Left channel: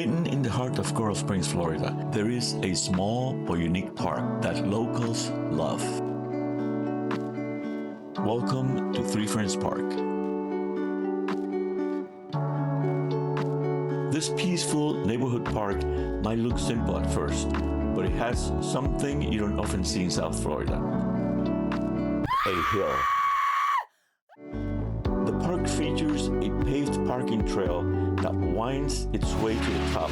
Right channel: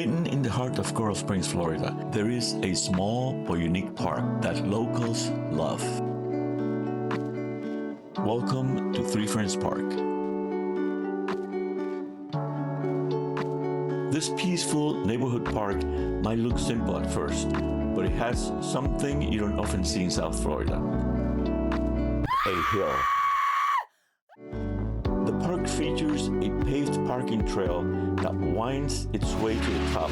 Hidden in the heart of Coral Springs, Florida, there is a small but unique park that locals love. Welcome to Three Friends Park. This peaceful neighborhood park might look simple at first, but it has something you don't often see in South Florida: a hill. The park features a paved parking trail that winds its way to the top.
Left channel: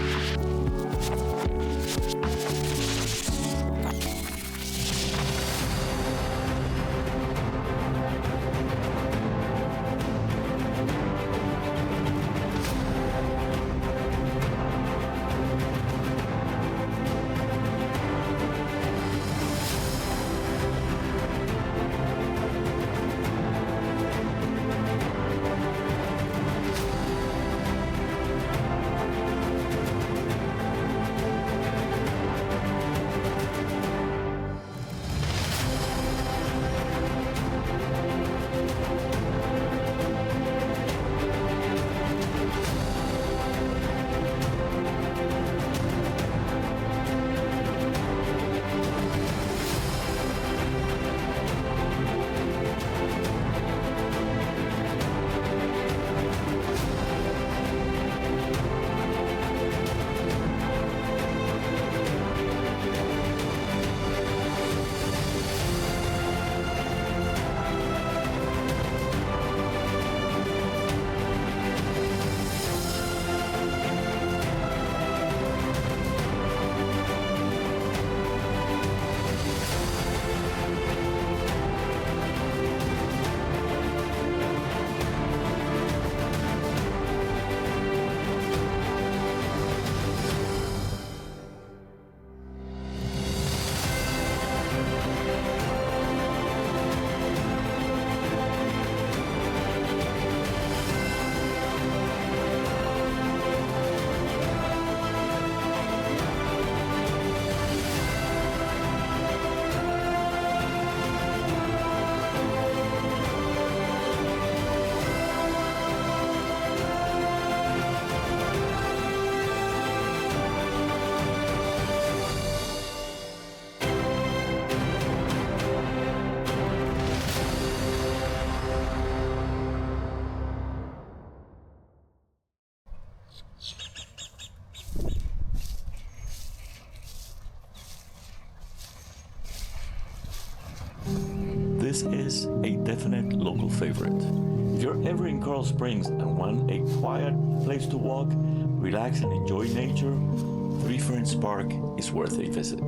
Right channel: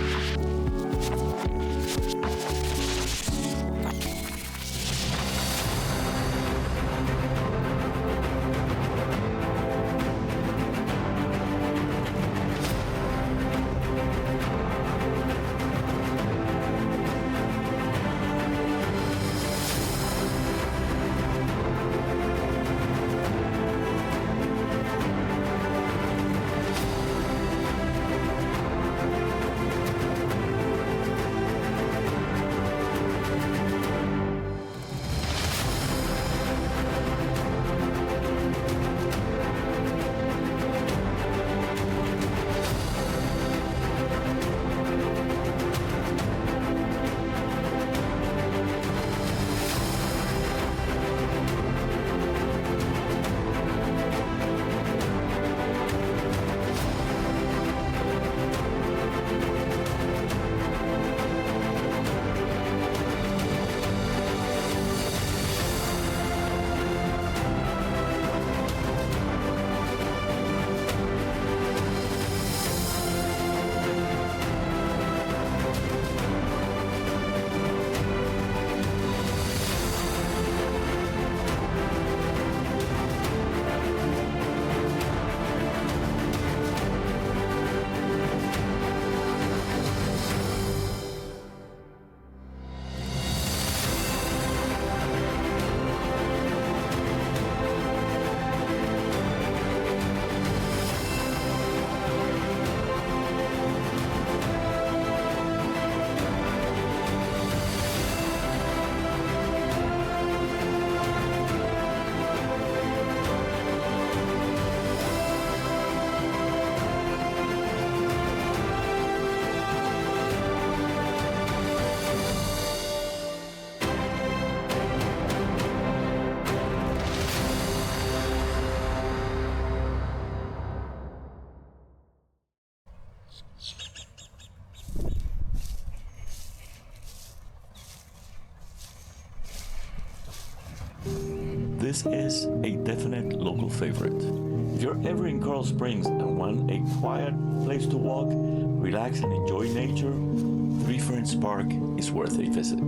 This is a definite local favorite. If you're ever in Coral Springs and want a quiet place to walk, relax, and enjoy nature, Three Friends Park is worth a visit.